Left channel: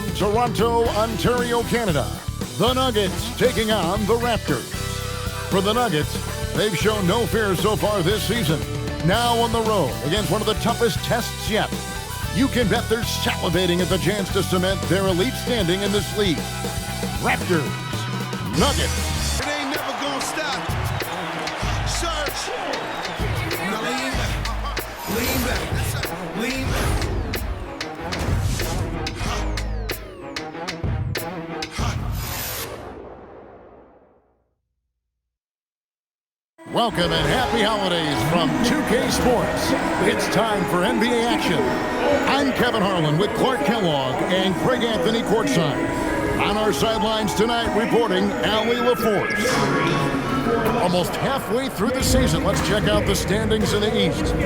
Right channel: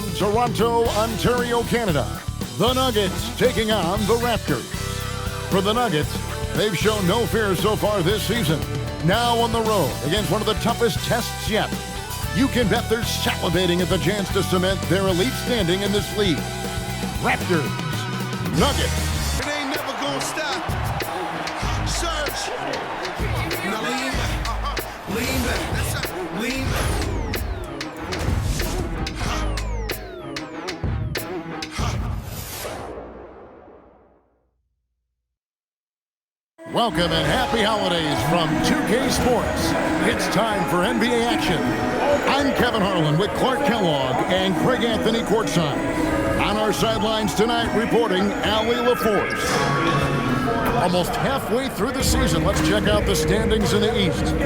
From Toronto, Ontario, Canada, the Nuggets taking on the Raptors. For the Nuggets, they've shown no fear so far this season. Now on the road against one of the toughest tests yet. You can bet they're salivating at the chance to cement their elite standing in this league. Raptors, Nuggets. It ain't never gonna stop. Search. Now lean back. Lean back. Lean back. Welcome and happy holidays from 2K Sports. It's time for NBA action. I'm Kevin Harlan with Clark Kellogg and Craig Anthony courtside. On our sidelines tonight, reporting Allie LaForce. Almost halfway through the season, let's check out the standings in the East.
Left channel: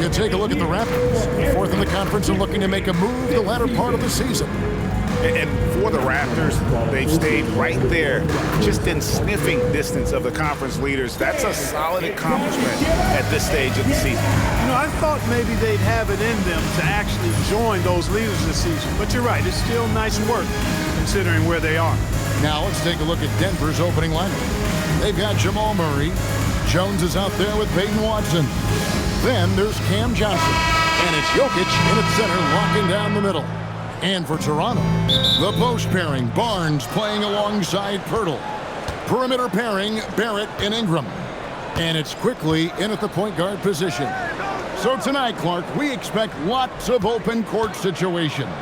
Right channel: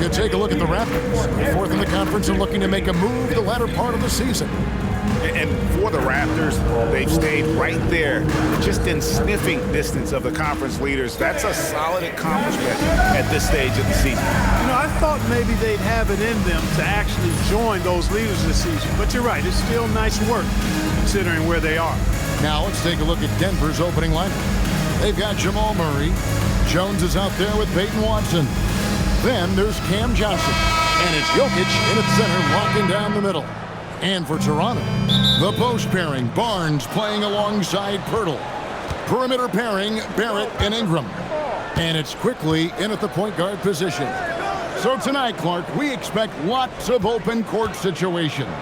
You take a look at the Raptors, fourth in the conference and looking to make a move the latter part of the season. And for the Raptors, they've stayed right there, just in sniffing distance of the conference leaders. That's a solid accomplishment at this stage of the season. You know, I thought maybe they'd have it in them to actually join those leaders this season. But you're right, it's still nice work considering where they are. Now let's take a look at Denver's opening lineup. They've got Jamal Murray. Jones is out there with Peyton Watson. Then there's Cam Johnson. And it's Jokic in at center, locking down the middle. And for Toronto, the post pairing, Barnes playing alongside Pirtle. Perimeter pairing, Barrett and Ingram. And it's quickly in at the point guard position. So tonight, Clark, we expect lots of open court situations.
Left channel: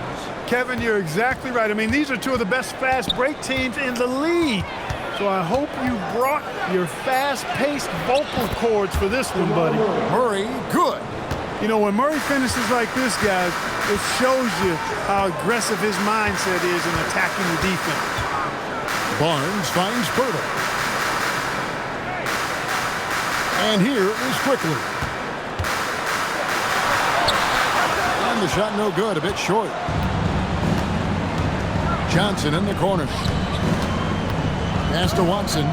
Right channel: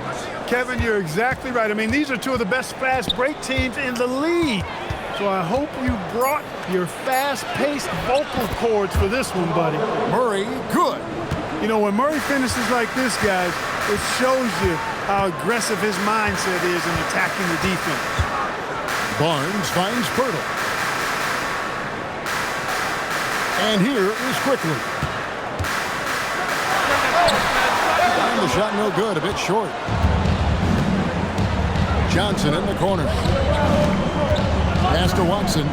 Kevin, you're exactly right. I mean, these are two of the best fast break teams in the league. So I hope you brought your fast-paced vocal cords for this one, buddy. Murray, good. You know, when Murray finishes like this, guys, it shows you how aggressive his mindset is in attacking the defense. Barnes finds Pirtle. And here is Quickly. And the shot no good, a bit short. Johnson in the corner. Pass to Watson.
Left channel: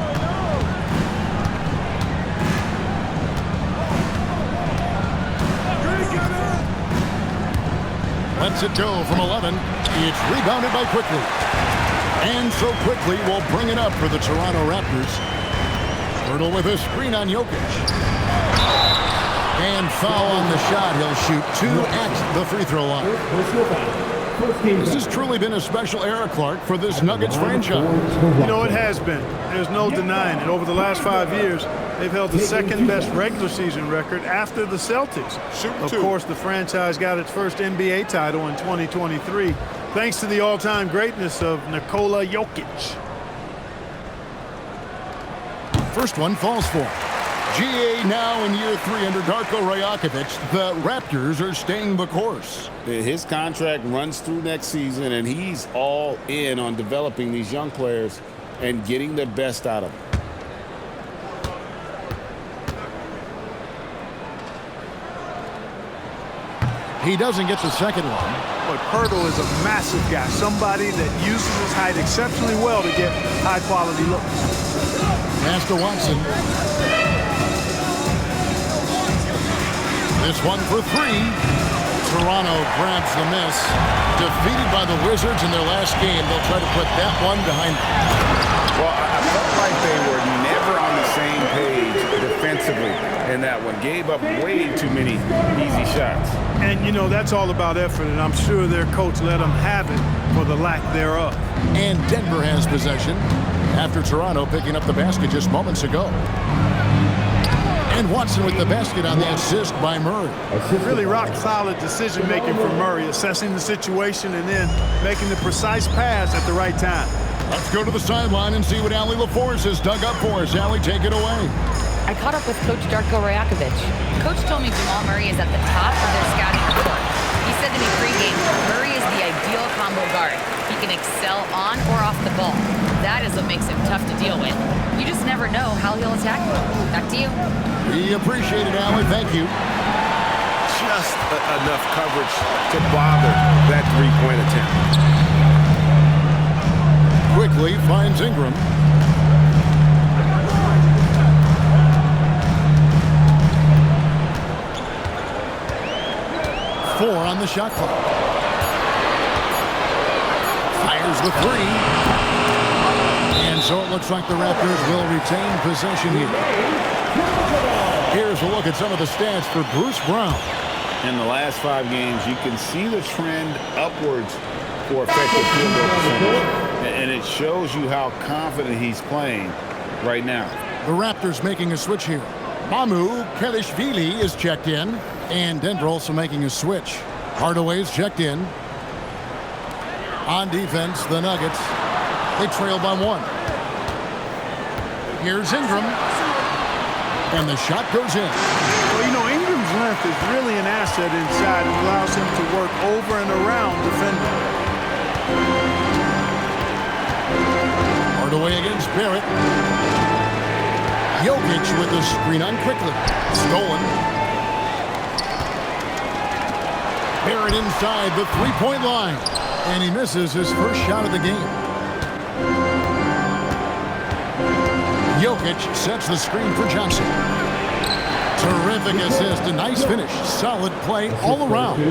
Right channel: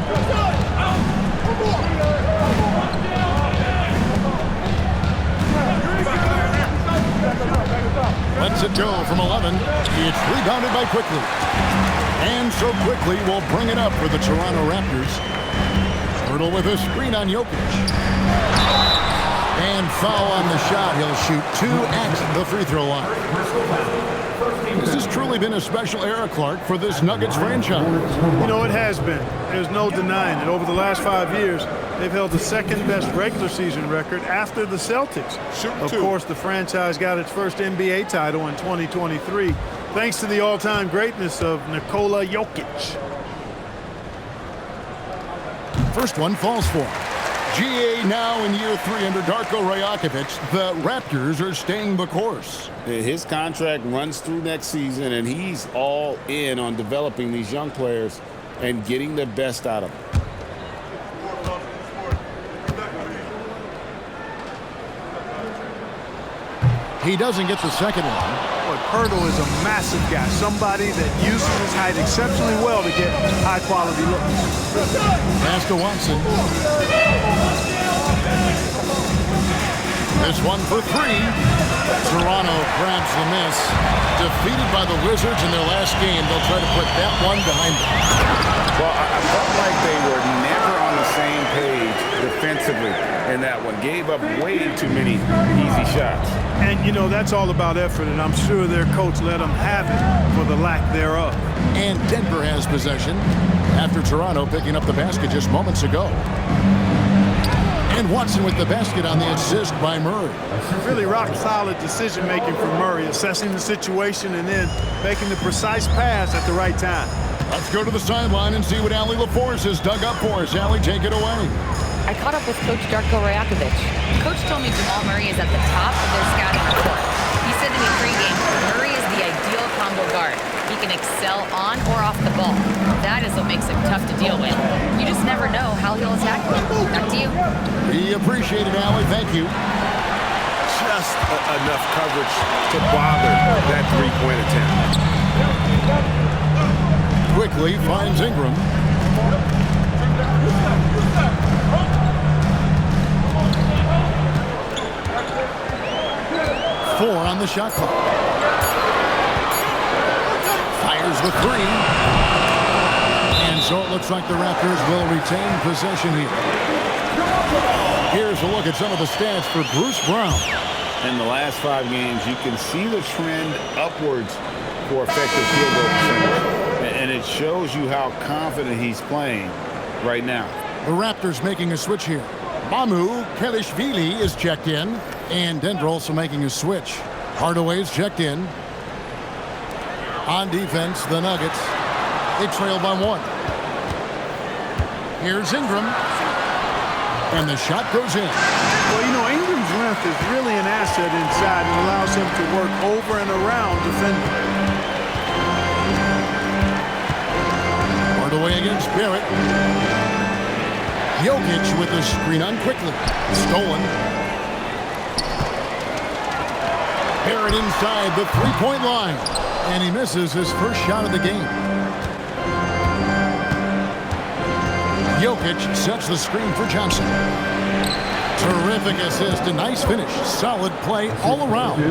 Lets it go from 11. It's rebounded by Quickly. And so Quickly will bring it up for the Toronto Raptors. Pirtle with a screen on Jokic. And foul on the shot. He'll shoot two at the free throw line. This has truly been a special era, Clark, for this Nuggets franchise. You know, it has been. There's no denying it. Over the last 5 years, they've held the second-best regular season record after the Celtics. Of course, the franchise got its first NBA title in 2023, thanks to the all-time greatness of Nikola Jokic. First one falls for him. GA now in year 3 under Darko Rajakovic. The Raptors are staying the course. His contract runs through next season, and he's all in on developing these young players and getting the best out of them. He doesn't get the second one. Boy, Pirtle is a massive guy, somebody that uses his height exceptionally well to get high-quality looks. Pass to Watson. This one for 3. Toronto grabs the miss. Defeated by the Wizards in their last game, they'll try to put that one behind them. Well, I felt like they were never on the same page defensively in that one. Gave up way too many easy shots. And, you know, that's all about effort, and I'm sure their coach let them have it for the lack thereof. And Denver has possession after Toronto picking up the basket just moments ago. And Watson with the basket on the assist by Murray. Really rock-solid decision-making from Murray, assessing the situation and then making the precise pass at the right time. Let's go to the sideline and see what Allie LaForce has dug up for us. Allie, take it away. I caught up with Coach Darko Rajakovic. Coach told me Jamal Murray is at the top of their scouting report. He said to me pregame, Murray is the ideal combo guard. He can excel on or off the ball. That is what makes him tough to deal with. You just never know how he'll attack you. Back to you. We appreciate it, Allie. Thank you. Just enough coverage to bother that three-point attempt. Quickly finds Ingram. Four on the shot clock. Here's the three. And so it looks like the Raptors will retain possession here. Here's a look at some of the stats for Bruce Brown. In the last 5 games, you can see the trend upwards for effective field goal percentage. And it shows you how confident he's playing right now. The Raptors making a switch here. Mamu Kelishvili is checked in. And Denver also making a switch. Hardaway's checked in. On defense, the Nuggets. They trail by 1. Here's Ingram. And the shot goes in. Well, you know, Ingram's length is really an asset inside and allows him to work over and around defenders. Hardaway against Barrett. Jokic with the screen on quickly. Stolen. Barrett inside the three-point line. And he misses his first shot of the game. Jokic sets the screen for Johnson. Terrific assist, a nice finish. Solid play all around.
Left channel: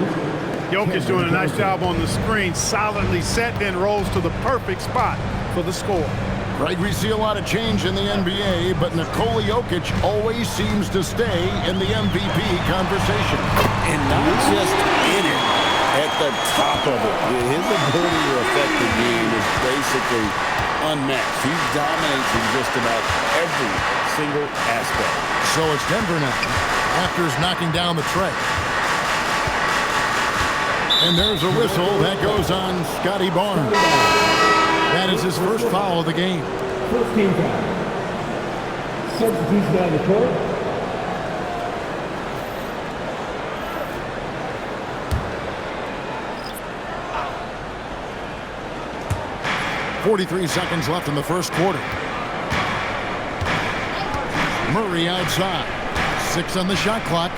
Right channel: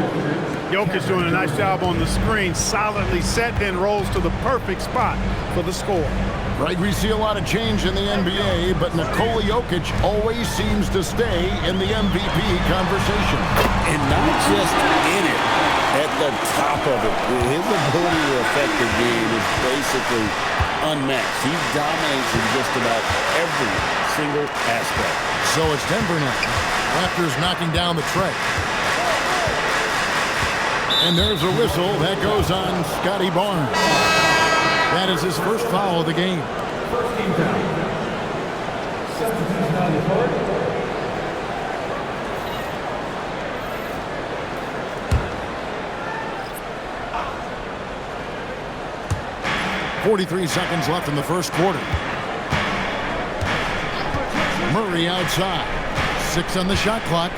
Jokic doing a nice job on the screen. Solidly set, then rolls to the perfect spot for the score. Greg, we see a lot of change in the NBA, but Nikola Jokic always seems to stay in the MVP conversation. And not just in it, at the top of it. His ability to affect the game is basically unmatched. He dominates in just about every single aspect. So it's Denver now. Raptors knocking down the tray. And there's a whistle that goes on Scotty Barnes. That is his first foul of the game. First team foul. Substitution on the court. .43 seconds left in the first quarter. Murray outside. 6 on the shot clock.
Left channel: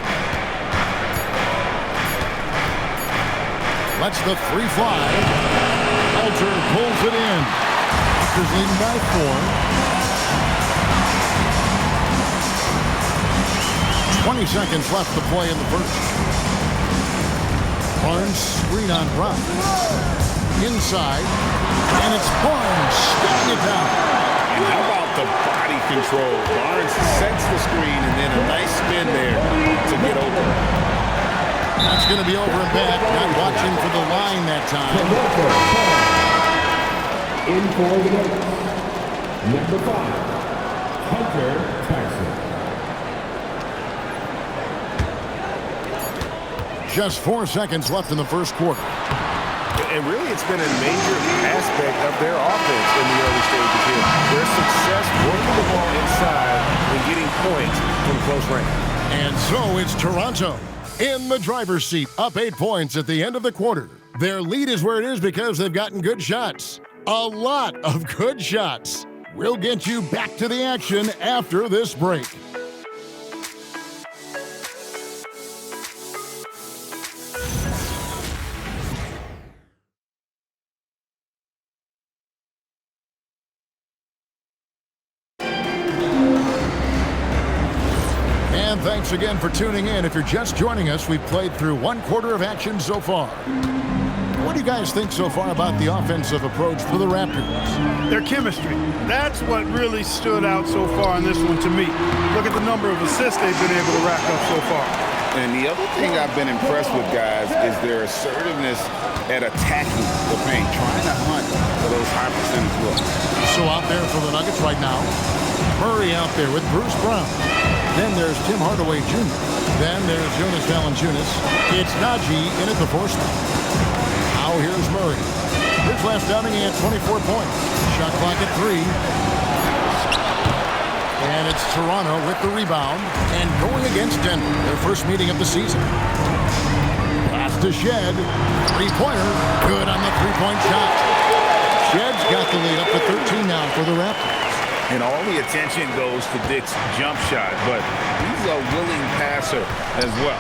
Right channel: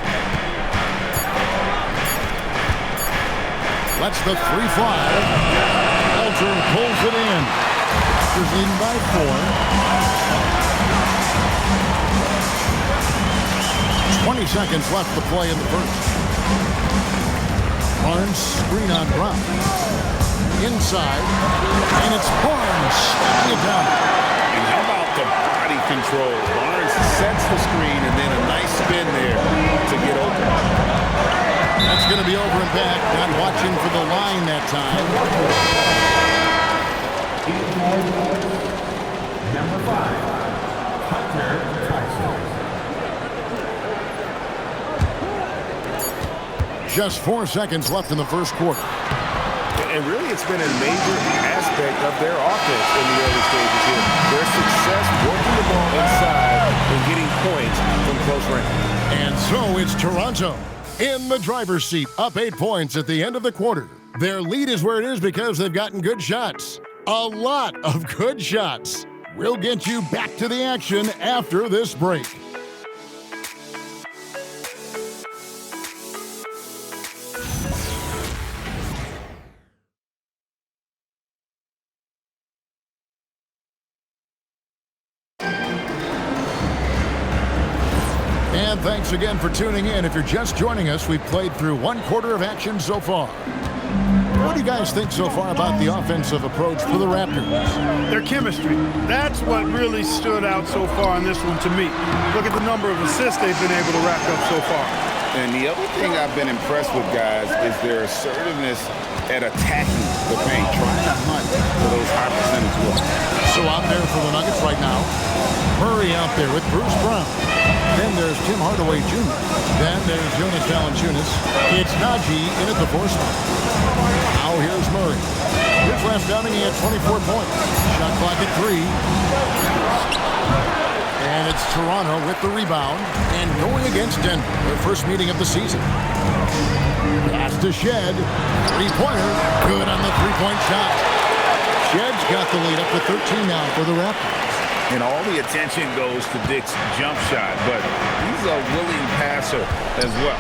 Lets the three fly. Elter pulls it in. Raptors leading by 4. 20 seconds left to play in the first. Barnes screen on Brown. Inside. And it's Barnes stepping it down. And how about the body control? Barnes sets the screen and then a nice spin there to get open. That's going to be over and back. Not watching for the line that time. In for the number 5, Hunter Tyson. Just 4 seconds left in the first quarter. And really, it's been a major aspect of their offense in the early stages here. Their success working the ball inside and getting points from close range. And so it's Toronto in the driver's seat, up 8 points at the end of the quarter. Their lead is where it is because they've gotten good shots. A lot of good shots. We'll get you back to the action after this break. And thanks again for tuning in. If you're just joining us, we've played through 1 quarter of action so far. What do you guys think so far about the offensive approach for the Raptors? Their chemistry. That's what really stood out so far in this one to me. Look at the number of assists they've been able to rack up so far. And the other thing I've been impressed with, guys, is their assertiveness at attacking the paint, trying to hunt for those high percentage looks. So out there for the Nuggets right now, Murray out there with Bruce Brown. Then there's Tim Hardaway Jr. Then there's Jonas Valanciunas. It's Najee in at the 4 spot. Now here's Murray. His last outing, he had 24 points. Shot clock at 3. And it's Toronto with the rebound. And going against Denver, their first meeting of the season. Pass to Shed. Three-pointer. Good on the three-point shot. Shed's got the lead up to 13 now for the Raptors. And all the attention goes to Dick's jump shot, but he's a willing passer as well.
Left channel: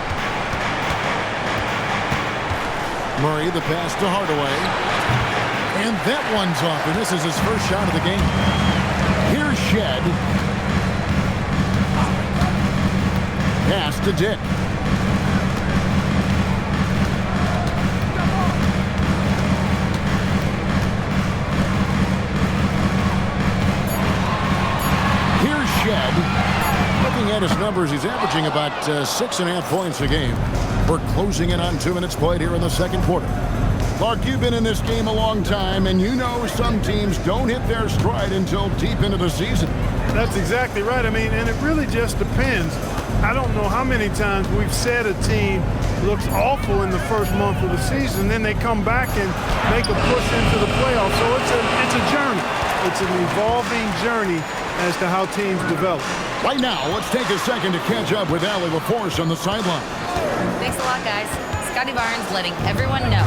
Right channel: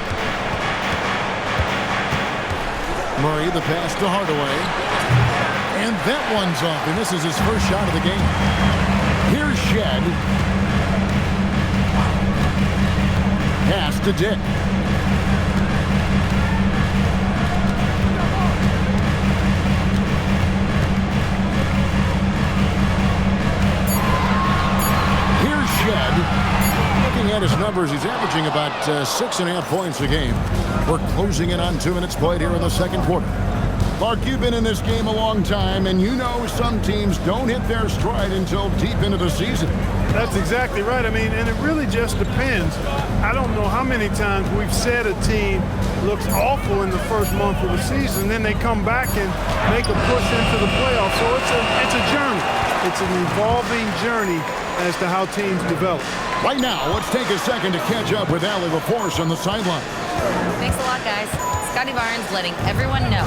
Murray, the pass to Hardaway. And that one's off, and this is his first shot of the game. Here's Shed. Pass to Dick. shed. Looking at his numbers, he's averaging about 6.5 points a game. We're closing in on 2 minutes played here in the second quarter. Clark, you've been in this game a long time, and you know some teams don't hit their stride until deep into the season. That's exactly right. I mean, and it really just depends. I don't know how many times we've said a team looks awful in the first month of the season, then they come back and make a push into the playoffs. So it's a journey. It's an evolving journey as to how teams develop. Right now, let's take a second to catch up with Allie LaForce on the sideline. Thanks a lot, guys. Scotty Barnes letting everyone know.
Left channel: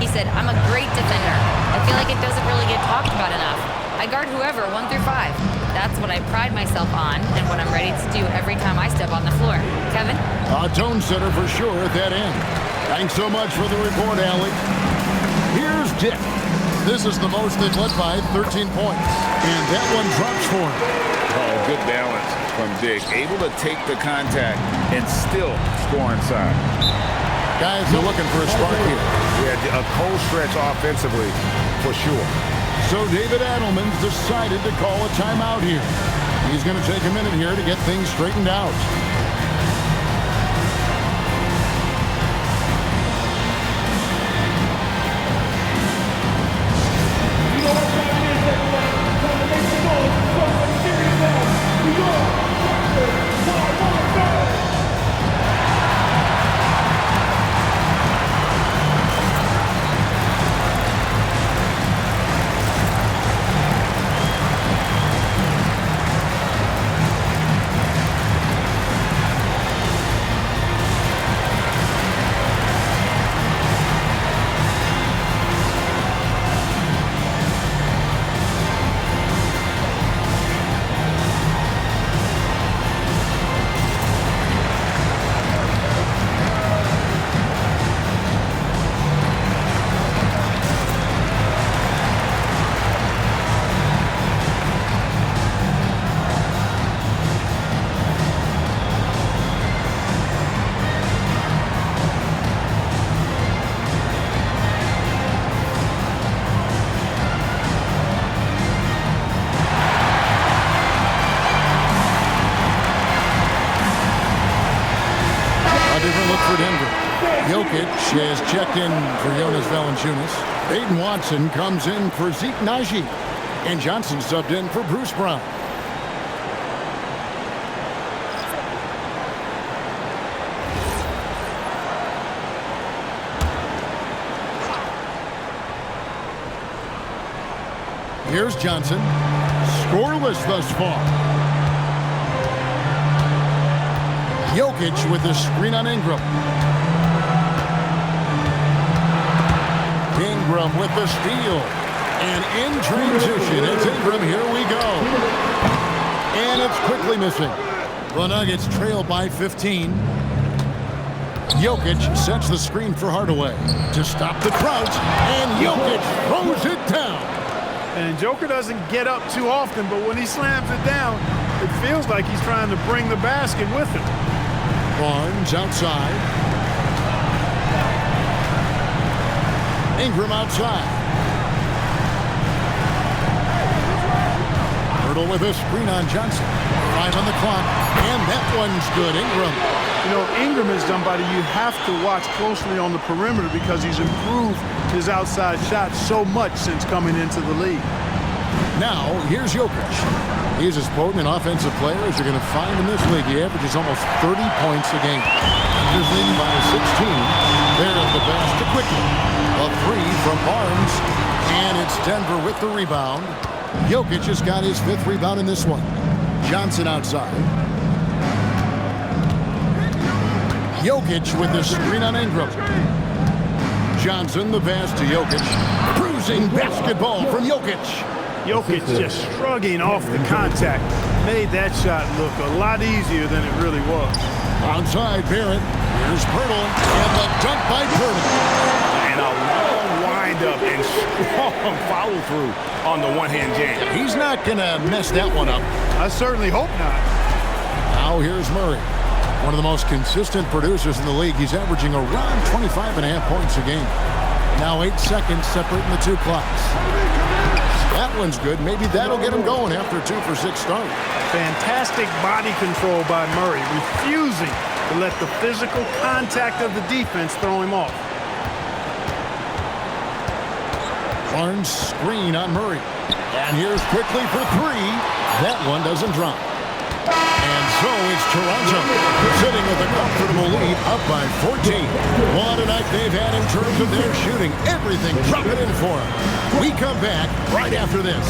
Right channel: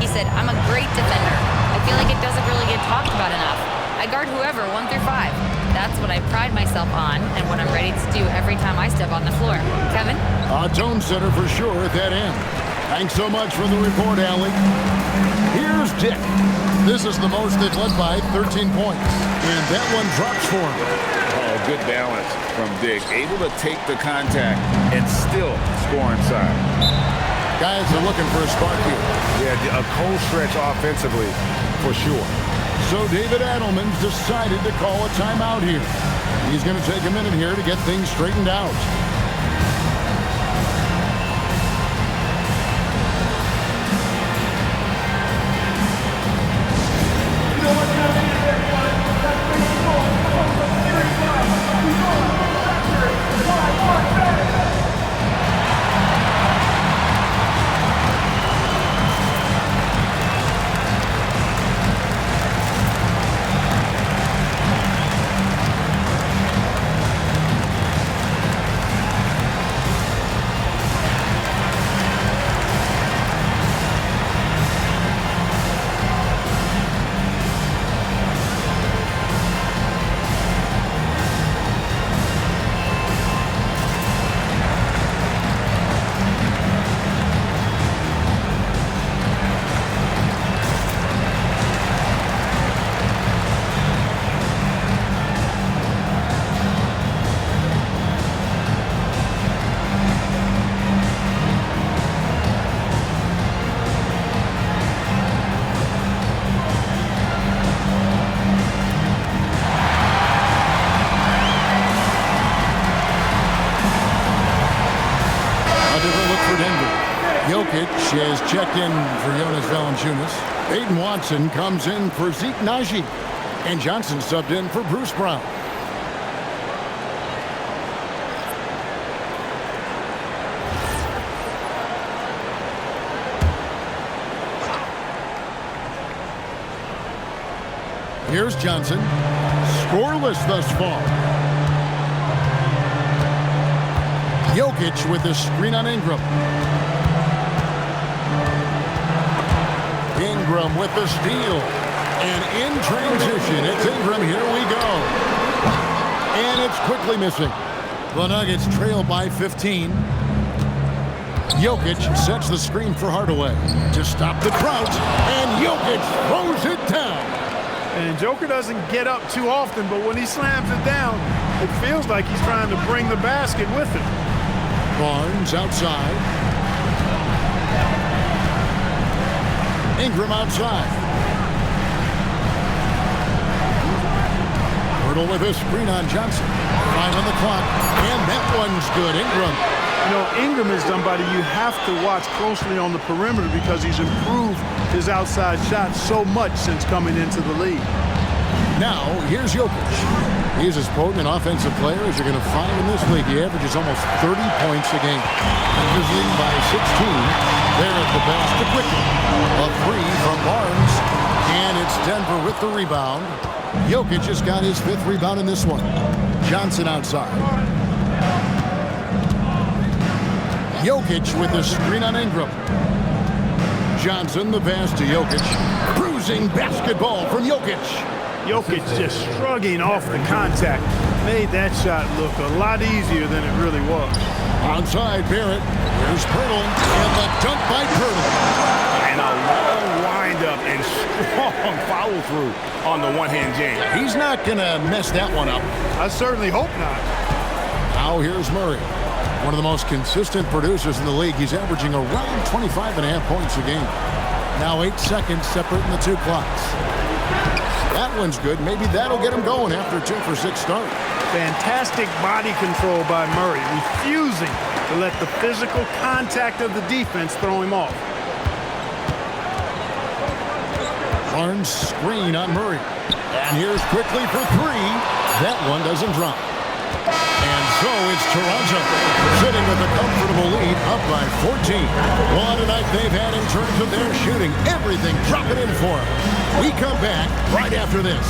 He said, I'm a great defender. I feel like it doesn't really get talked about enough. I guard whoever, 1 through 5. That's what I pride myself on and what I'm ready to do every time I step on the floor. Kevin? A tone setter for sure at that end. Thanks so much for the report, Allie. Here's Dick. This is the most they've led by 13 points. And that one drops for him. Oh, good balance from Dick. Able to take the contact and still score inside. Guys are looking for a spark here. Yeah, a cold stretch offensively for sure. So David Adelman's decided to call a timeout here. He's going to take a minute here to get things straightened out. You know what time it is, everybody? Time to make some noise for the series now. We are Raptors by 1 minute. A different look for Denver. Jokic has checked in for Jonas Valanciunas. Baden Watson comes in for Zeke Naji. And Johnson subbed in for Bruce Brown. Here's Johnson. Scoreless thus far. Jokic with the screen on Ingram. Ingram with the steal. And in transition, it's Ingram. Here we go. And it's quickly missing. The Nuggets trail by 15. Jokic sets the screen for Hardaway to stop the crouch. And Jokic throws it down. And Joker doesn't get up too often, but when he slams it down, it feels like he's trying to bring the basket with him. Barnes outside. Ingram outside. Hurdle with a screen on Johnson. 5 on the clock, and that one's good. Ingram. You know, Ingram is somebody you have to watch closely on the perimeter because he's improved his outside shot so much since coming into the league. Now, here's Jokic. He's as potent an offensive player as you're going to find in this league. He averages almost 30 points a game. Thunder leading by 16. There at the basket quickly. A 3 from Barnes. And it's Denver with the rebound. Jokic has got his 5th rebound in this one. Johnson outside. Jokic with the screen on Ingram. Johnson the pass to Jokic. Bruising basketball from Jokic. Jokic just shrugging off the contact. Made that shot look a lot easier than it really was. Outside Barrett. Here's Pirtle. And the dunk by Pirtle. And a long windup and strong follow-through on the one-hand jam. He's not going to mess that one up. I certainly hope not. Now here's Murray. One of the most consistent producers in the league. He's averaging around 25.5 points a game. Now 8 seconds separating the 2 clocks. That one's good. Maybe that'll get him going after a 2-for-6 start. Fantastic body control by Murray, refusing to let the physical contact of the defense throw him off. Barnes screen on Murray. And here's quickly for three. That one doesn't drop. And so it's Toronto sitting with a comfortable lead up by 14. What a night they've had in terms of their shooting. Everything dropping in for them. We come back right after this.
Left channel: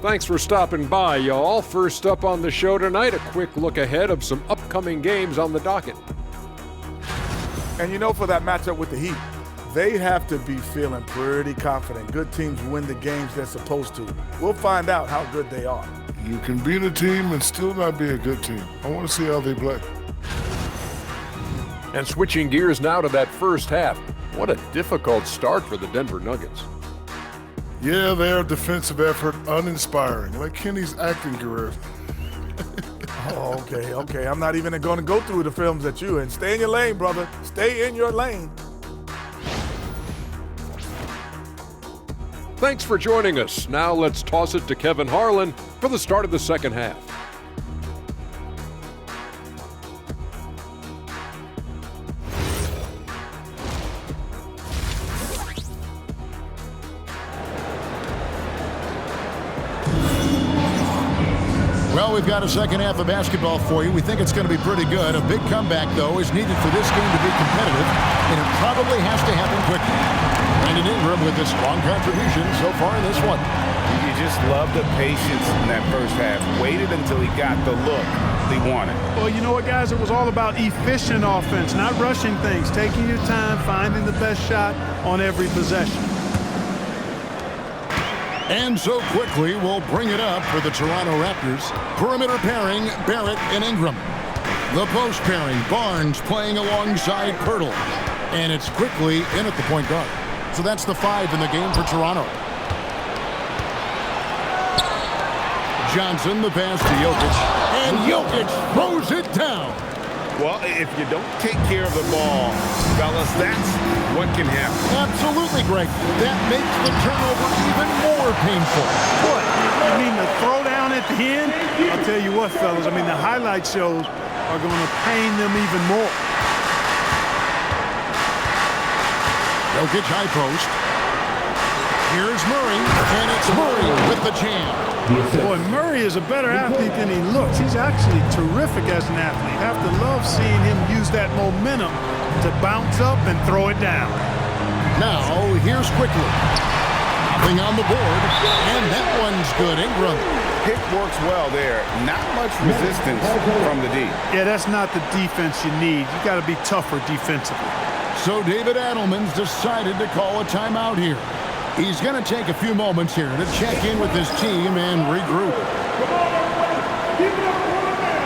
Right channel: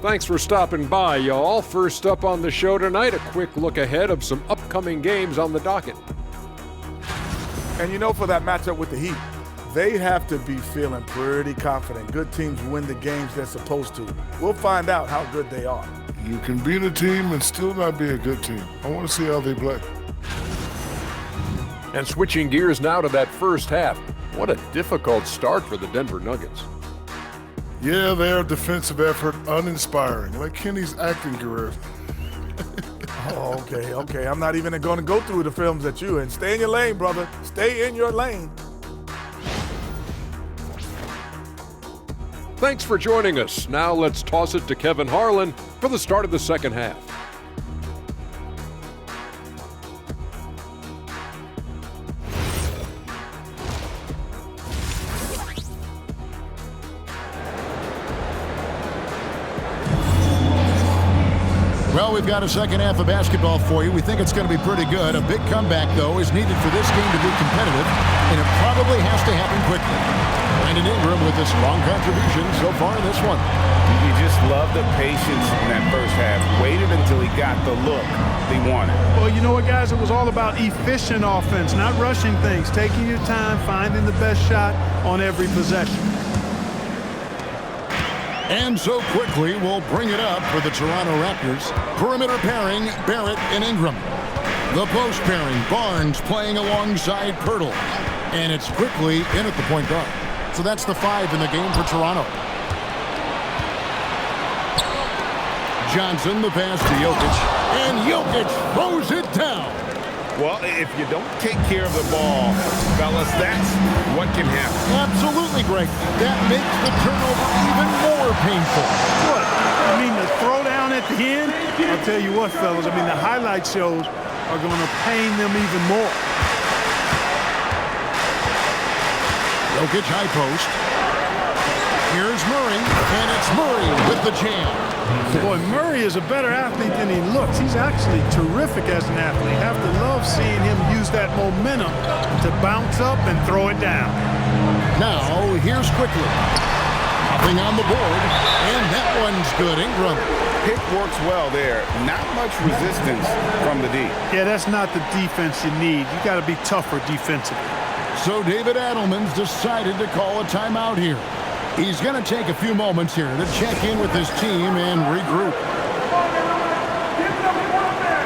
Thanks for stopping by, y'all. First up on the show tonight, a quick look ahead of some upcoming games on the docket. And you know, for that matchup with the Heat, they have to be feeling pretty confident. Good teams win the games they're supposed to. We'll find out how good they are. You can beat a team and still not be a good team. I want to see how they play. And switching gears now to that first half. What a difficult start for the Denver Nuggets. Yeah, their defensive effort uninspiring, like Kenny's acting career. Oh, okay. I'm not even going to go through the films that you in. Stay in your lane, brother. Stay in your lane. Thanks for joining us. Now let's toss it to Kevin Harlan for the start of the second half. Well, we've got a second half of basketball for you. We think it's going to be pretty good. A big comeback, though, is needed for this game to be competitive, and it probably has to happen quickly. Brandon Ingram with a strong contribution so far in this one. You just love the patience in that first half. Waited until he got the look they wanted. Well, you know what, guys? It was all about efficient offense, not rushing things, taking your time, finding the best shot on every possession. And so quickly, we'll bring it up for the Toronto Raptors. Perimeter pairing, Barrett and Ingram. The post pairing, Barnes playing alongside Pirtle. And it's quickly in at the point guard. So that's the 5 in the game for Toronto. Johnson, the pass to Jokic. And Jokic throws it down. Well, if you don't take care of the ball, fellas, that's what can happen. Absolutely, Greg. That makes the turnover even more painful. What? You mean the throwdown at the end? I'll tell you what, fellas. I mean, the highlight shows are going to pain them even more. Jokic high post. Here's Murray, and it's Murray with the jam. Boy, Murray is a better athlete than he looks. He's actually terrific as an athlete. You have to love seeing him use that momentum to bounce up and throw it down. Now, here's quickly. Nothing on the board, and that one's good. Ingram. Pick works well there. Not much resistance from the D. Yeah, that's not the defense you need. You got to be tougher defensively. So David Adelman's decided to call a timeout here. He's going to take a few moments here to check in with his team and regroup. Give it up 1 minute.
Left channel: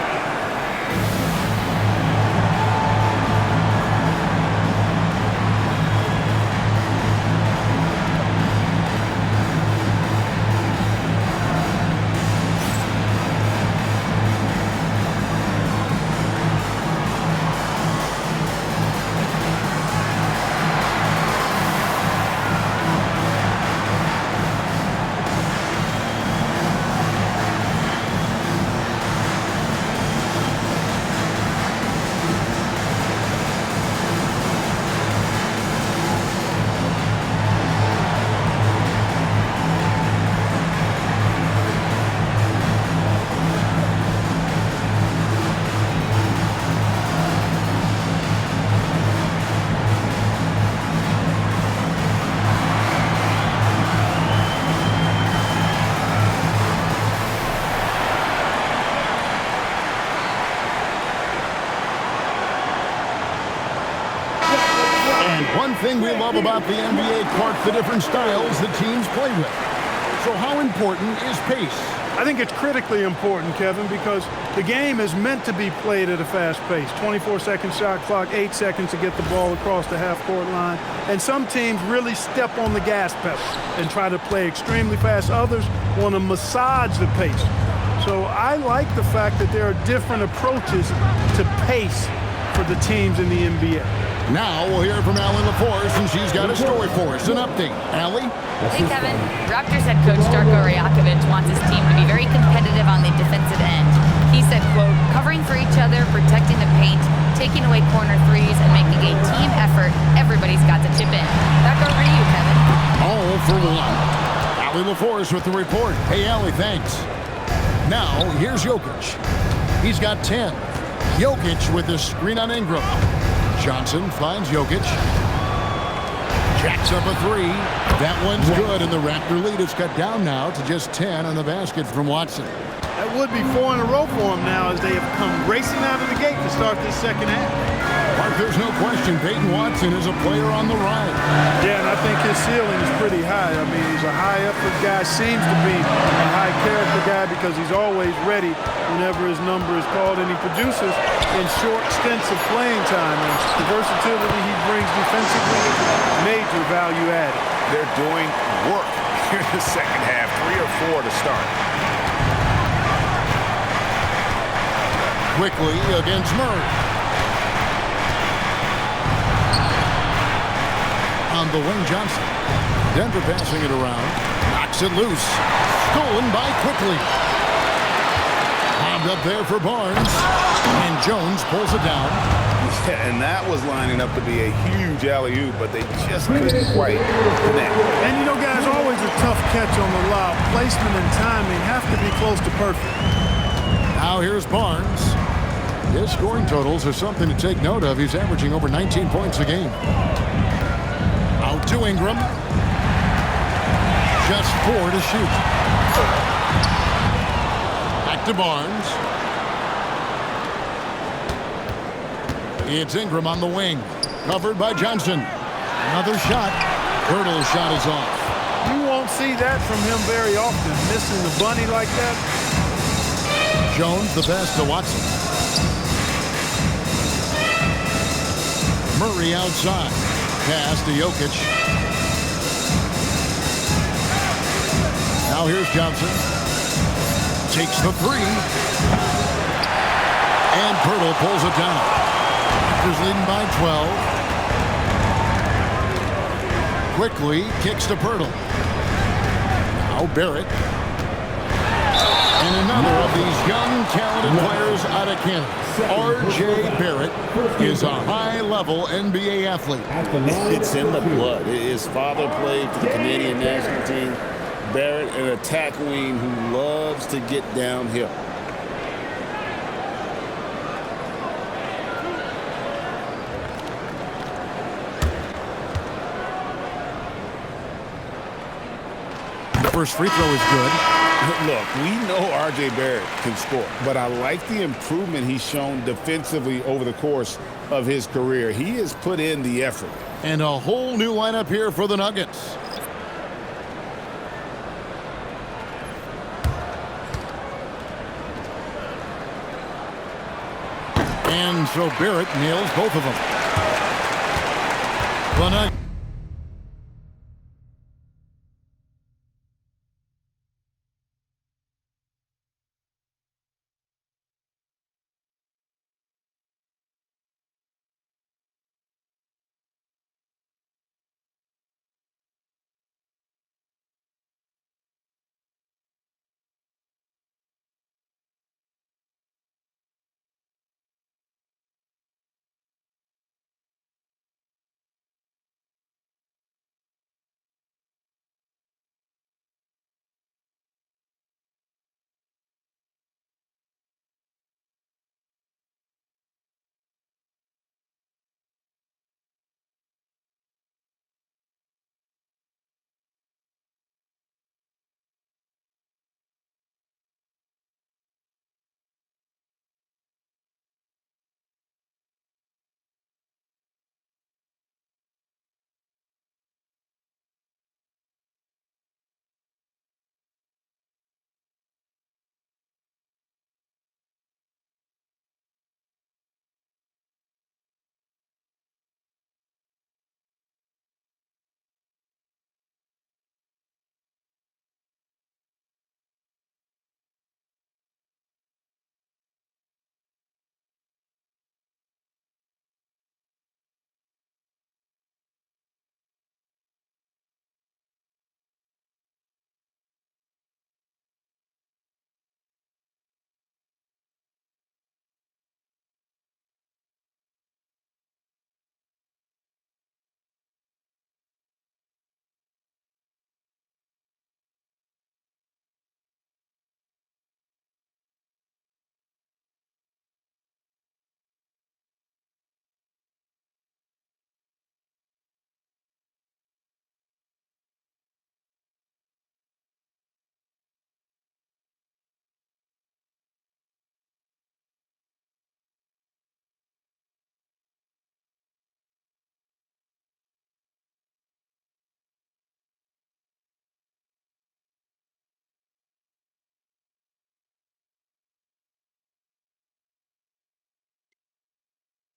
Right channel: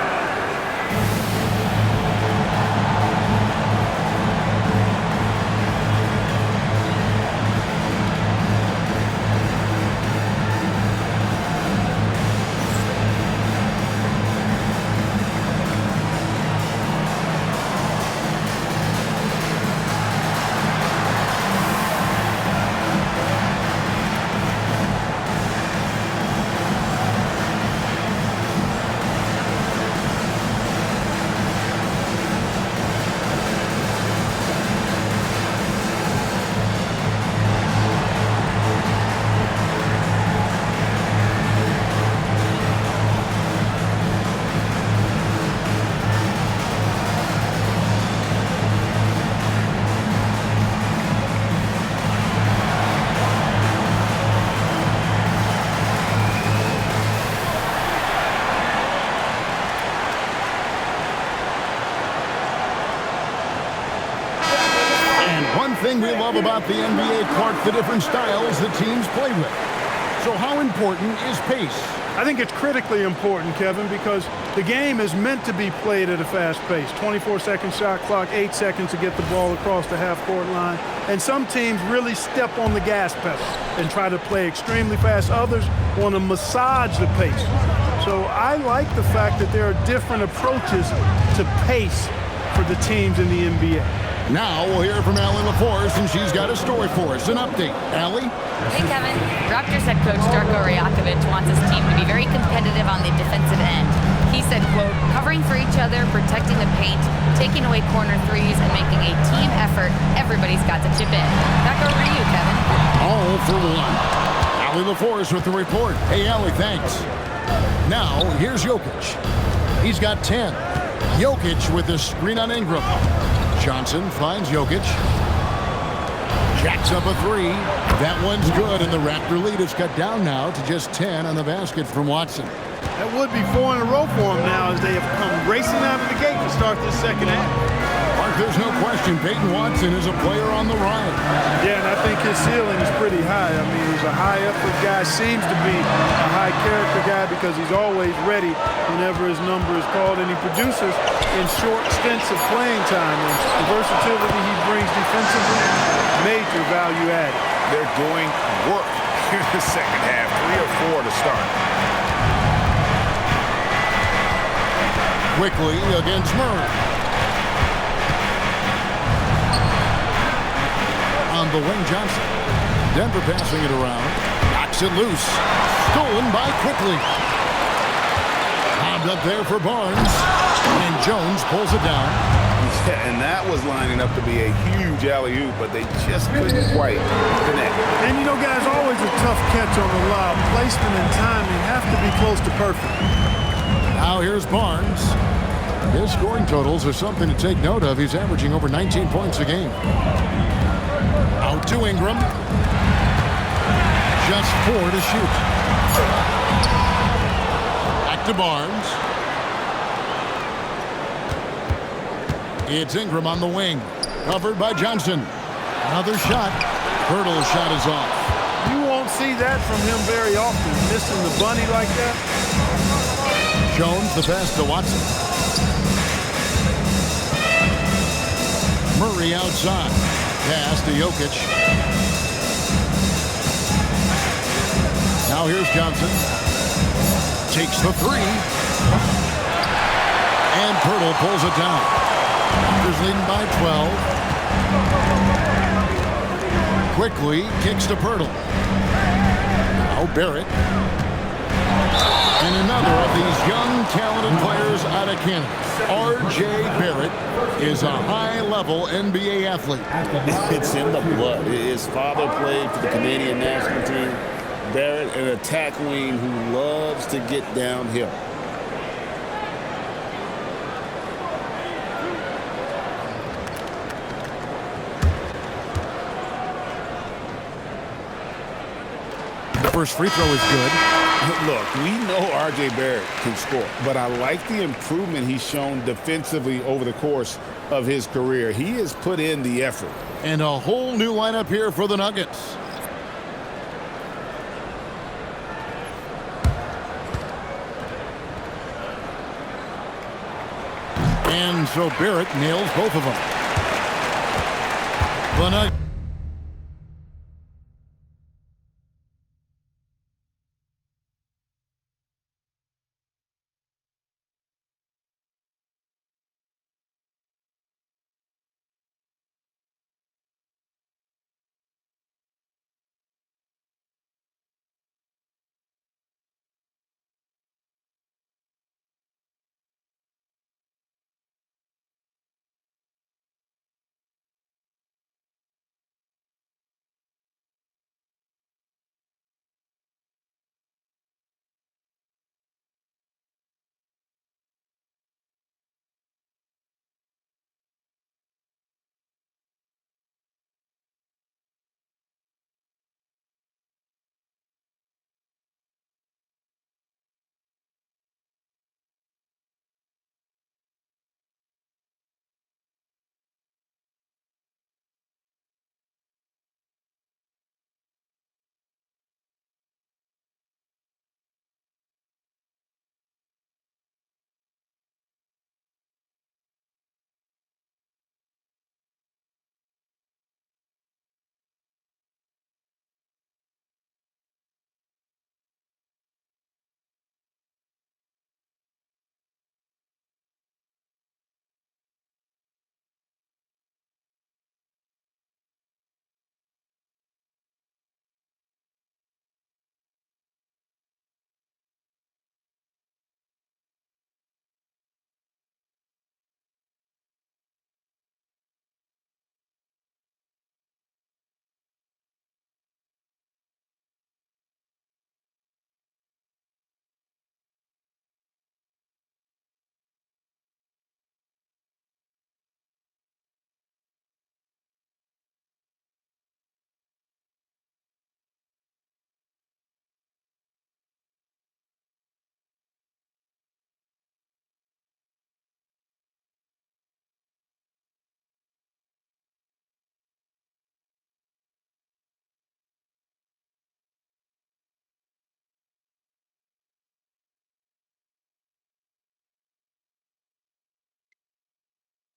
One thing we love about the NBA, Clark, the different styles the teams play with. So how important is pace? I think it's critically important, Kevin, because the game is meant to be played at a fast pace. 24-second shot clock, 8 seconds to get the ball across the half-court line. And some teams really step on the gas pedal and try to play extremely fast. Others want to massage the pace. So I like the fact that there are different approaches to pace for the teams in the NBA. Now we'll hear from Allie LaForce, and she's got a story for us. An update. Allie? Hey, Kevin. Raptors head coach Darko Rajakovic wants his team to be very competitive on the defensive end. He said, quote, covering for each other, protecting the paint, taking away corner threes, and making a team effort. Everybody's got to chip in. Back over to you, Kevin. All for one. Allie LaForce with the report. Hey, Allie, thanks. Now, here's Jokic. He's got 10. Jokic with the screen on Ingram. Johnson finds Jokic. Jacks up a three. That one's good, and the Raptor lead is cut down now to just 10 on the basket from Watson. That would be 4 in a row for them now as they have come racing out of the gate to start this second half. Mark, there's no question Peyton Watson is a player on the rise. Yeah, and I think his ceiling is pretty high. I mean, he's a high-effort guy, seems to be a high-character guy because he's always ready whenever his number is called, and he produces in short stints of playing time. And the versatility he brings defensively, major value added. They're doing work here in the second half, 3 or 4 to start. Quickly against Murray. On the wing, Johnson. Denver passing it around. Knocks it loose. Stolen by Quickly. Bobbed up there for Barnes. And Jones pulls it down. Yeah, and that was lining up to be a huge alley-oop, but they just couldn't quite connect. And, you know, guys, always a tough catch on the lob. Placement and timing have to be close to perfect. Now here's Barnes. His scoring totals are something to take note of. He's averaging over 19 points a game. Out to Ingram. Just 4 to shoot. Back to Barnes. It's Ingram on the wing. Covered by Johnson. Another shot. Hurdle's shot is off. You won't see that from him very often, missing the bunny like that. Jones the pass to Watson. Murray outside. Pass to Jokic. Now here's Johnson. Takes the three. And Pirtle pulls it down. Raptors leading by 12. Quickly kicks to Pirtle. Now Barrett. And another of these young, talented players out of Canada. R.J. Barrett is a high-level NBA athlete. It's in the blood. His father played for the Canadian national team. Barrett, an attack wing who loves to get downhill. The first free throw is good. Look, we know R.J. Barrett can score, but I like the improvement he's shown defensively over the course of his career. He has put in the effort. And a whole new lineup here for the Nuggets. And so Barrett nails both of them. The Nuggets.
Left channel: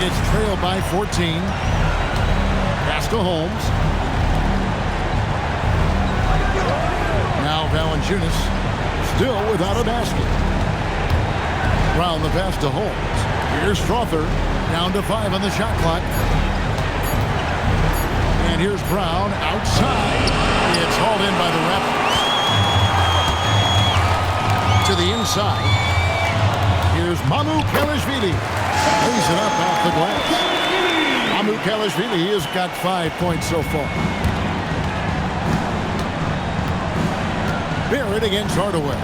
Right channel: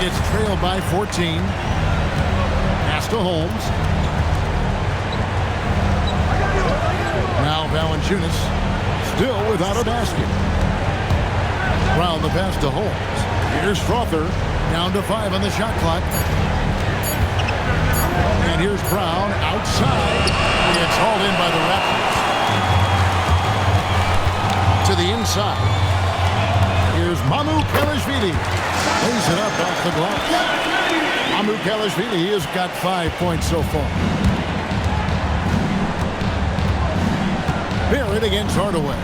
It's trailed by 14. Pass to Holmes. Now Valanciunas still without a basket. Brown the pass to Holmes. Here's Strother. Down to 5 on the shot clock. And here's Brown outside. It's hauled in by the Raptors. To the inside. Here's Mamukelashvili. Lays it up off the glass. Mamukelashvili has got 5 points so far. Barrett against Hardaway.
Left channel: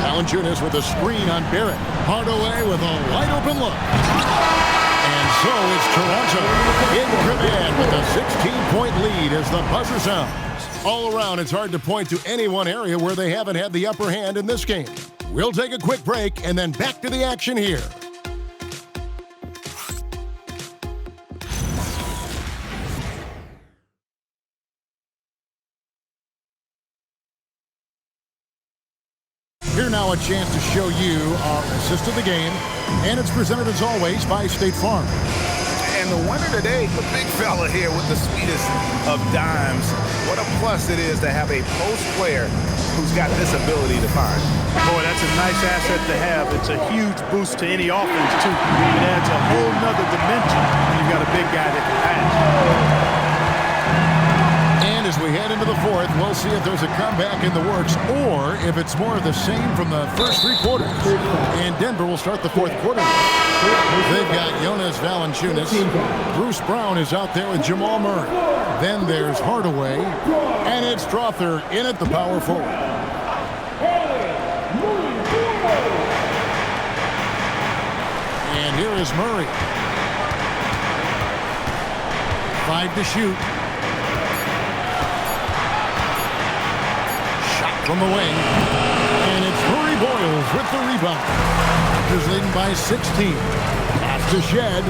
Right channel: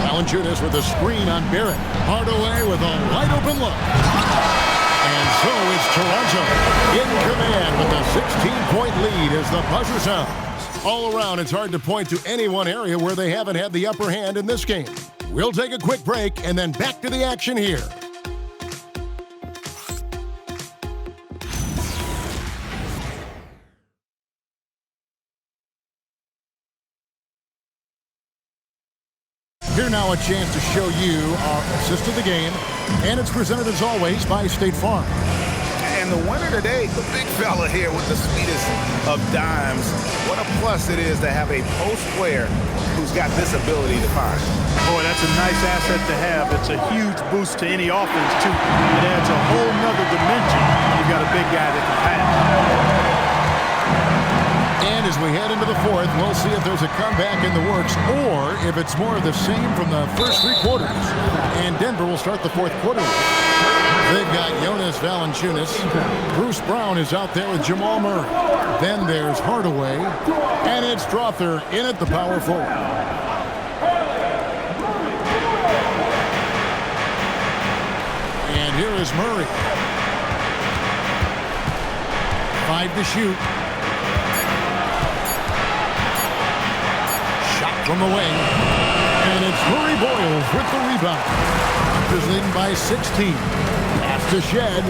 Valanciunas with a screen on Barrett. Hardaway with a wide open look. And so it's Toronto in command with a 16-point lead as the buzzer sounds. All around, it's hard to point to any one area where they haven't had the upper hand in this game. We'll take a quick break and then back to the action here. Here now a chance to show you our assist of the game, and it's presented as always by State Farm. And the winner today, the big fella here with the sweetest of dimes. What a plus it is to have a post player who's got this ability to find. Boy, that's a nice asset to have. It's a huge boost to any offense, too. It adds a whole nother dimension when you've got a big guy that can pass. And as we head into the fourth, we'll see if there's a comeback in the works or if it's more of the same from the first 3 quarters. And Denver will start the fourth quarter. They've got Jonas Valanciunas. Bruce Brown is out there with Jamal Murray. Then there's Hardaway. And it's Strother in at the power forward. And here is Murray. 5 to shoot. Shot from the wing. And it's Murray Boyles with the rebound. Raptors leading by 16. Pass to Shed.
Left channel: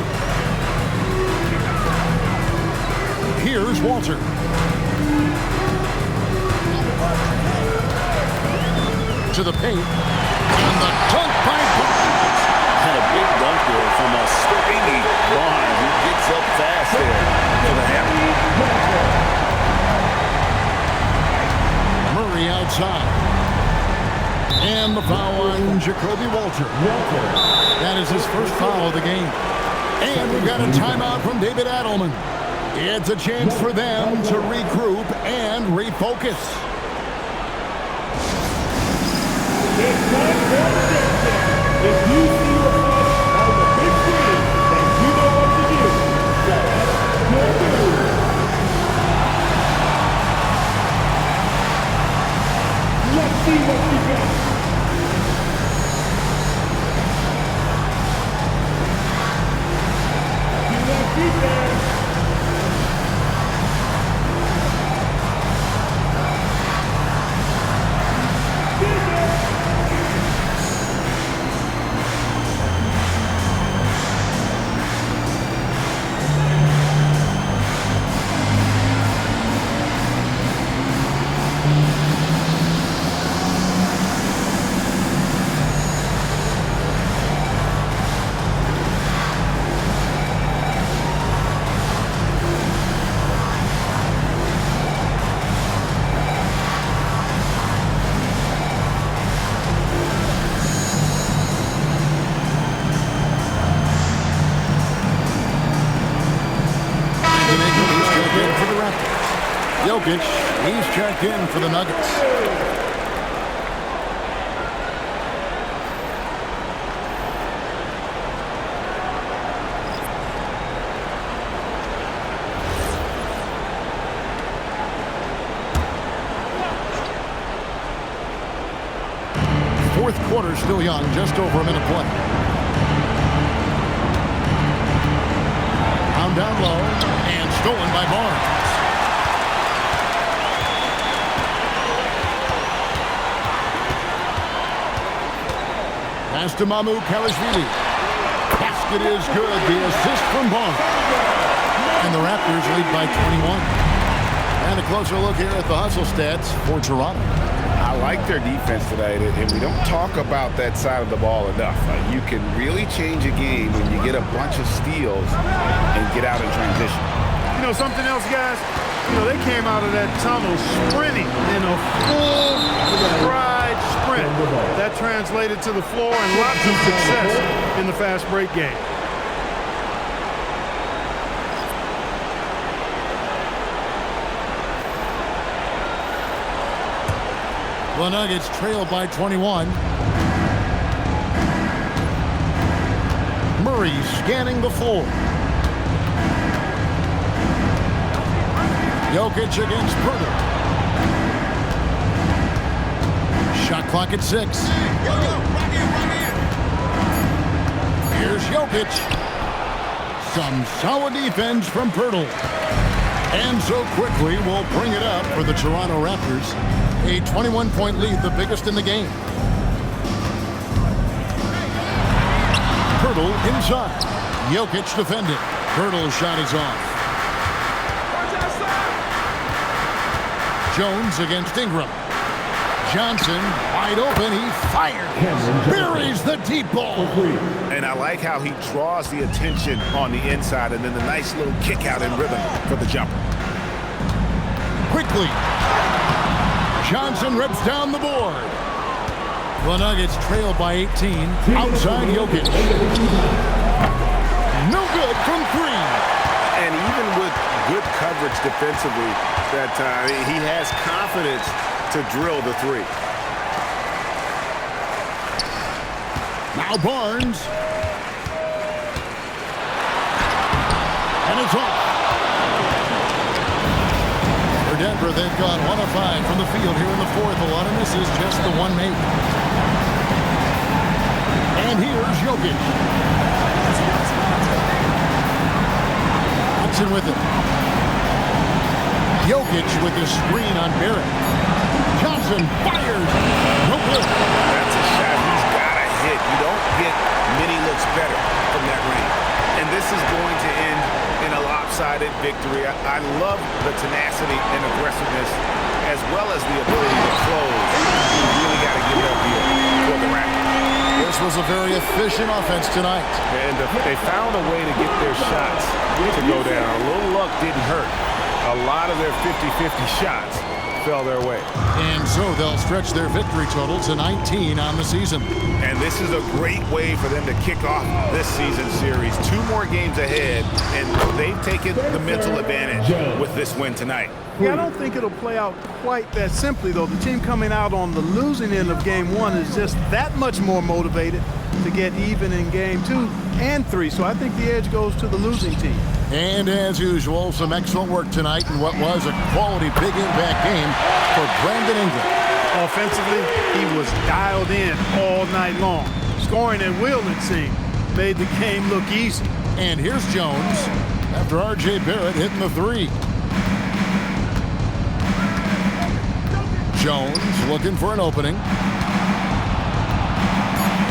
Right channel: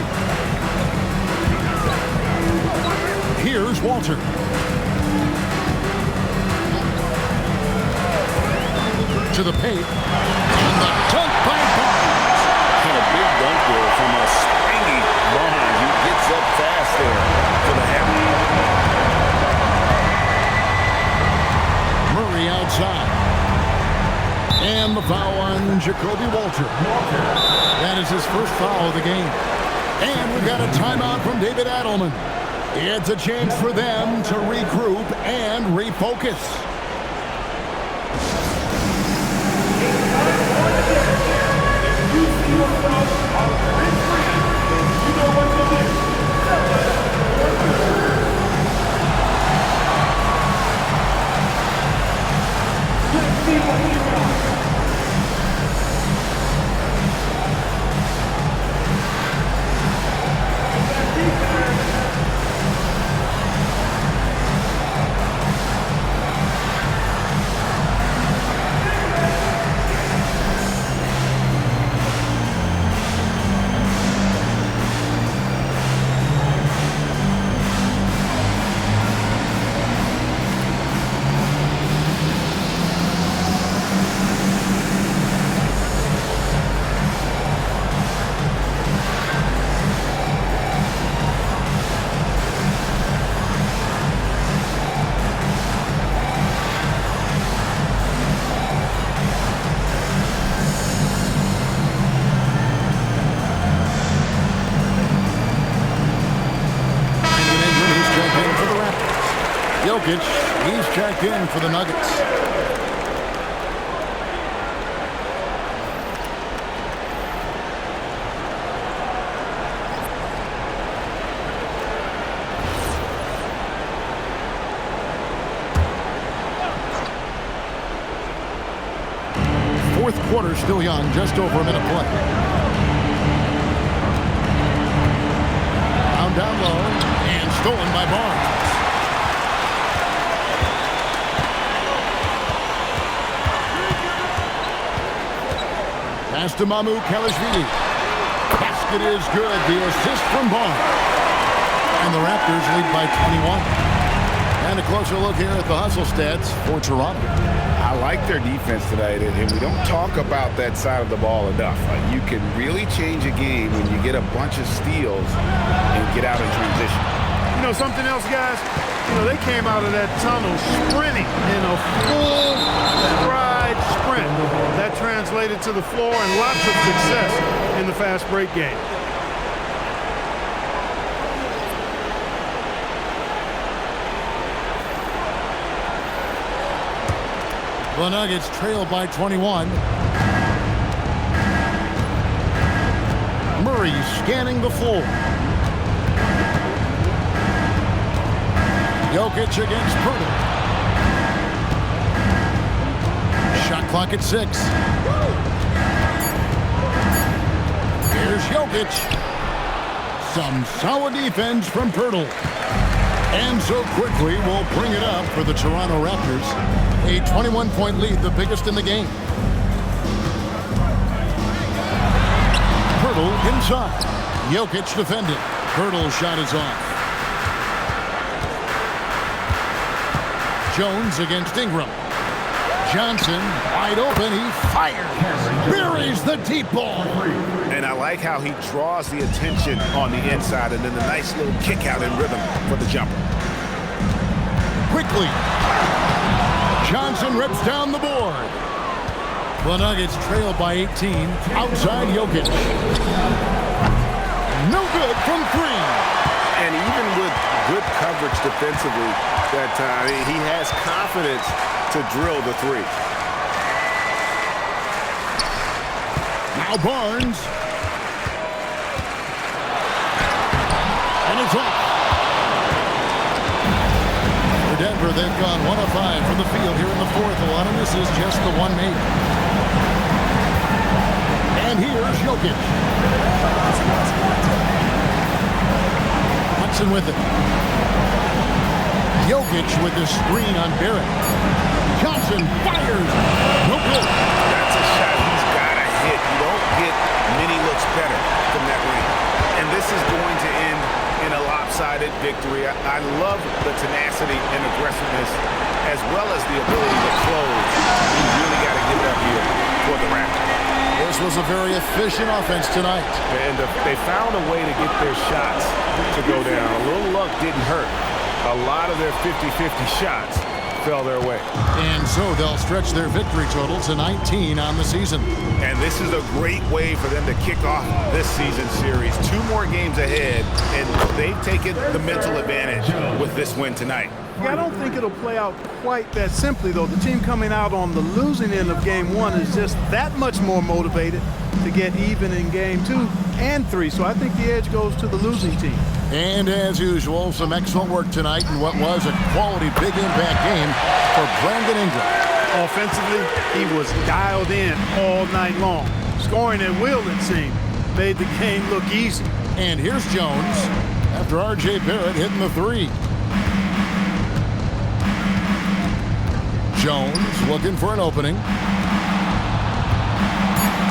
Here's Walter. To the paint. And the dunk by Barnes. Had a big dunk there from a springy Barnes. He gets up fast there for the hammer. Murray outside. And the foul on Jacoby Walter. That is his first foul of the game. And we've got a timeout from David Adelman. It's a chance for them to regroup and refocus. If you see your phone on the big screen, then you know what to do. Set your move. Let's see what you got. Good luck, defense. Checked in for the Raptors. Jokic, he's checked in for the Nuggets. Fourth quarter still young, just over a minute play. Down low and stolen by Barnes. Pass to Mamukelashvili. Basket is good. The assist from Barnes. And the Raptors lead by 21. And a closer look here at the hustle stats for Toronto. I like their defense tonight, and we don't talk about that side of the ball enough. You can really change a game when you get a bunch of steals and get out in transition. You know, something else, guys? You know, they came out of that tunnel sprinting in a full stride sprint. That translated to the floor and lots of success in the fast break game. The Nuggets trail by 21. Murray scanning the floor. Jokic against Purtle. Shot clock at 6. Here's Jokic. Some solid defense from Purtle. And so quickly we'll bring it up for the Toronto Raptors. A 21-point lead, the biggest in the game. Purtle inside. Jokic defended. Purtle's shot is off. Jones against Ingram. Johnson wide open. He fires. Buries the deep ball. And I like how he draws the attention on the inside, and then the nice little kick out in rhythm for the jumper. Quickly. Johnson rips down the board. The Nuggets trail by 18. Outside Jokic. No good from 3. And even with good coverage defensively that time, he has confidence to drill the 3. Now Barnes. And it's off. For Denver, they've gone 1 of 5 from the field here in the 4th. A lot of misses, just the one made. And here's Jokic. Watson with it. Jokic with the screen on Barrett. Johnson fires. No good. That's a shot he's got to hit. You don't get many looks better from that range. And this is going to end in a lopsided victory. I love the tenacity and aggressiveness as well as the ability to close. You really got to give it up here for the Raptors. This was a very efficient offense tonight. And they found a way to get their shots to go down. A little luck didn't hurt. A lot of their 50-50 shots fell their way. And so they'll stretch their victory total to 19 on the season. And this is a great way for them to kick off this season series. 2 more games ahead, and they've taken the mental advantage with this win tonight. Yeah, I don't think it'll play out quite that simply, though. The team coming out on the losing end of Game 1 is just that much more motivated to get even in Game 2 and 3. So I think the edge goes to the losing team. And as usual, some excellent work tonight in what was a quality big impact game for Brandon Ingram. Offensively, he was dialed in all night long. Scoring at will, it seemed, made the game look easy. And here's Jones after R.J. Barrett hitting the 3. Jones looking for an opening.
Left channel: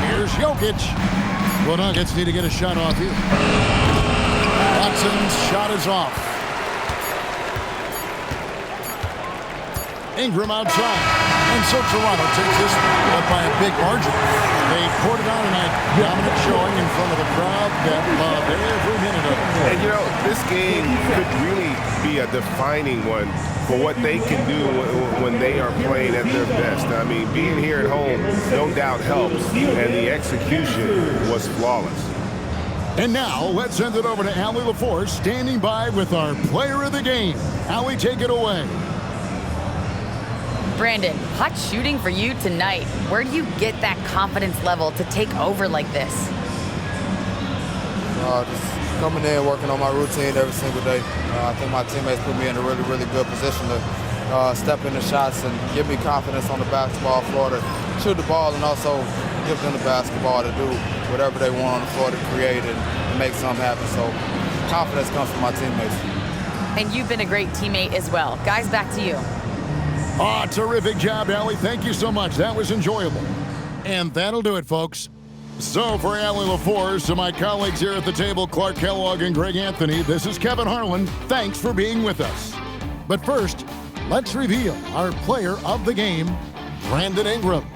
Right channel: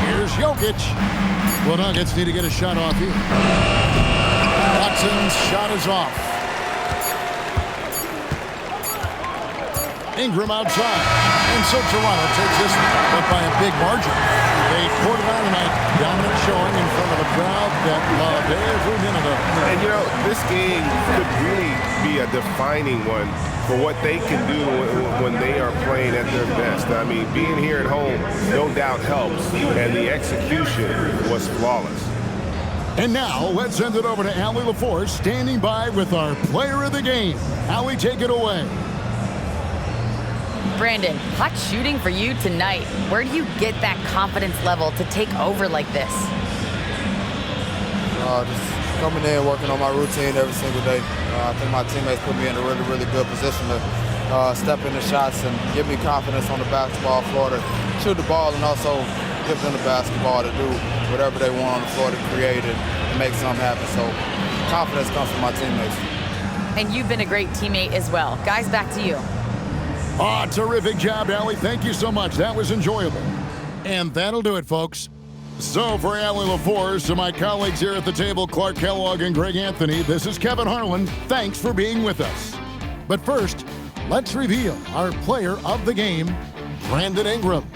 Here's Jokic. The Nuggets need to get a shot off here. Watson's shot is off. Ingram outside. And so Toronto takes this, but by a big margin. They poured it on tonight. Dominant showing in front of a crowd that loved every minute of it. And, you know, this game could really be a defining one for what they can do when they are playing at their best. I mean, being here at home no doubt helps, and the execution was flawless. And now, let's send it over to Allie LaForce, standing by with our player of the game. Allie, take it away. Brandon, hot shooting for you tonight. Where do you get that confidence level to take over like this? Just coming in, working on my routine every single day. I think my teammates put me in a really, really good position to step in the shots and give me confidence on the basketball floor to shoot the ball, and also give them the basketball to do whatever they want on the floor to create and make something happen. So confidence comes from my teammates. And you've been a great teammate as well. Guys, back to you. Terrific job, Allie. Thank you so much. That was enjoyable. And that'll do it, folks. So for Allie LaForce, to my colleagues here at the table, Clark Kellogg and Greg Anthony, this is Kevin Harlan. Thanks for being with us. But first, let's reveal our player of the game, Brandon Ingram.